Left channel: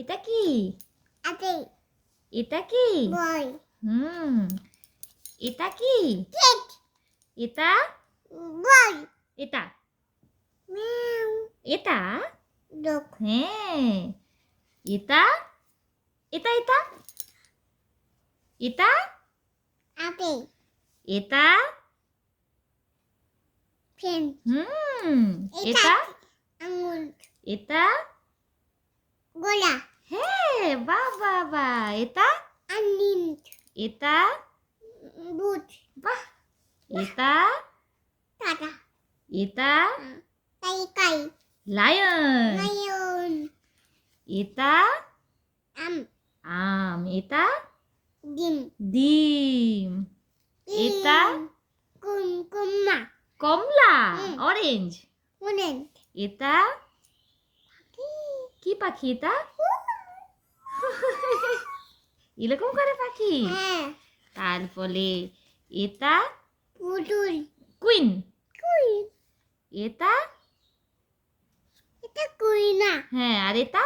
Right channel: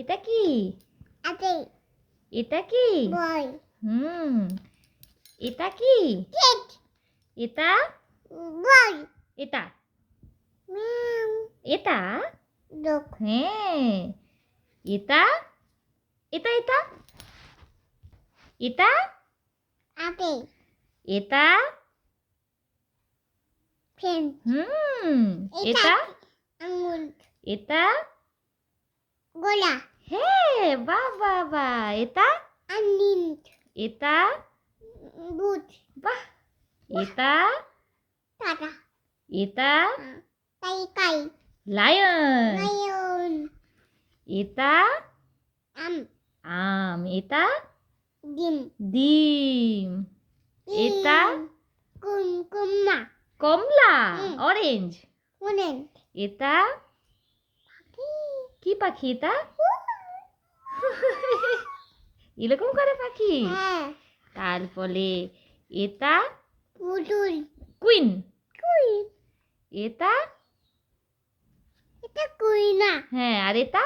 এটা কি? আছে এটা কি? বল হুম। এটা কি? কেক এটা? বল এটা? মিয়াও এটা? ডগ হ্যাঁ। এটা? এটা এটা? এটা? আছে এটা? ফেন হুম। এটা? আঙুল এটা? গোলা হ্যাঁ, বাহ বাহ বাহ। এটা? আনিম এটা? বুট বাহ। এটা? টাটা এটা? কাই কাই লায়ন। লায়ন এটা? আম আম। এটা? ডিম ডিম। এটা? কুমকুমা কমলা। হুম। অরেঞ্জ। ওনেন এটা? কি পাখি এটা? এরকম করে পাখি? হ্যাঁ তারপরে এটা? পুতুল কুইন। কুই এটা? এটা কুই না হ্যাঁ, আর এটা?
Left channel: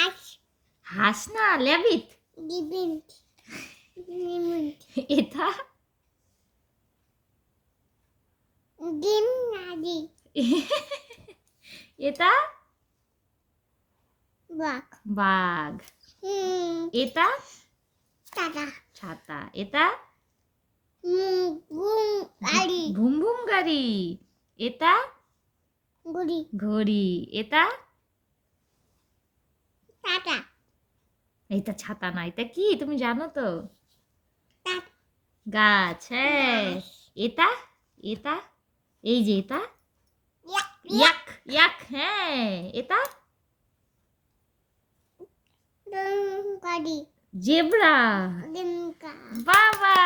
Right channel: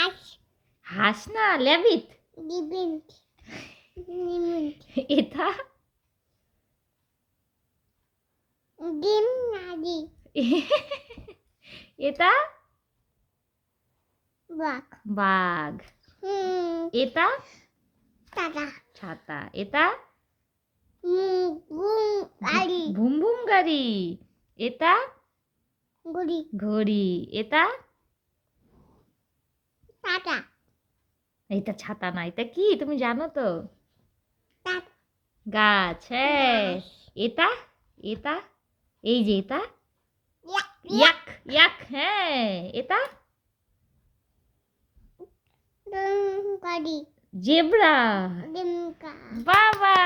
আজ হাঁস না, ল্যাবিট। ডিবিন্ট ডিবিন্ট এটা? ডিম নাদি এটা? বাক বাঘ। এটা? টাটা ছাতা। এটা? বুম আলি ভুম ভুম গাড়ি। এটা? গুড়ি ঘড়ি। এটা? টাটা এটা ছাতা না, এটা কি তুমি জানো তো? টাটা গাছ। হ্যাঁ। গাছ। এটা? এটা? এই যে এটা? ইয়াক ইয়াক। হ্যাঁ। এটা? গাড়ি জেব্রা। ডিমকা বাবা,